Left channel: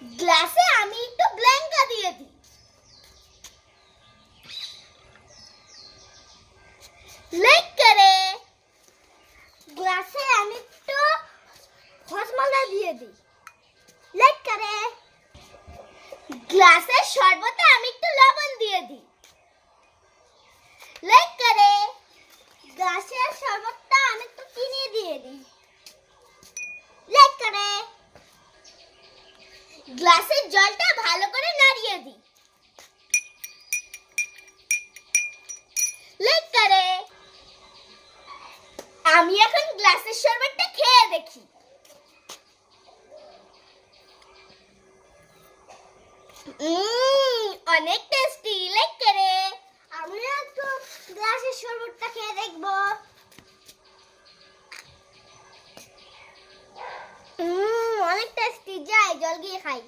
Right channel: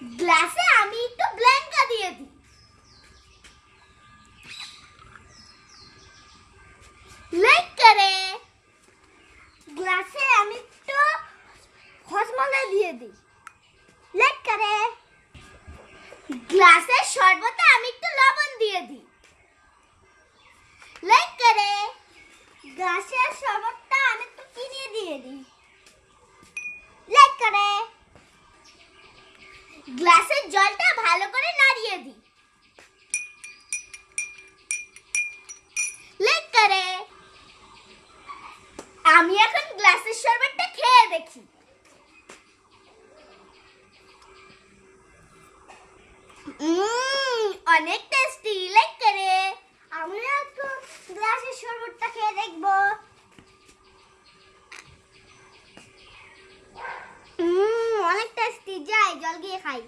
গ্লাসে আমি একটু ব্ল্যাঙ্কা দিয়ে দিই। লাইক করে গ্লাসে আমি একটু হজমলা দিয়ে দিই। লাইক করে গ্লাসের শরবতে আমি একটু লবণ দিয়ে দিই। লাইক করে গ্লাসের শরবতটা আমি একটু চিনি দিয়ে দিই। লাইক করে গ্লাসের জলটা ভালো করে নাড়িয়ে দিই। লাইক করে আমি এখন গ্লাসের শরবতটা খেয়ে দেখি। অনেক টেস্টি। লাইক করে আমি একটু গ্লাসের শরবতটা খেয়ে দেখবো। অনেক টেস্টি। যাই জল গিয়ে খাই।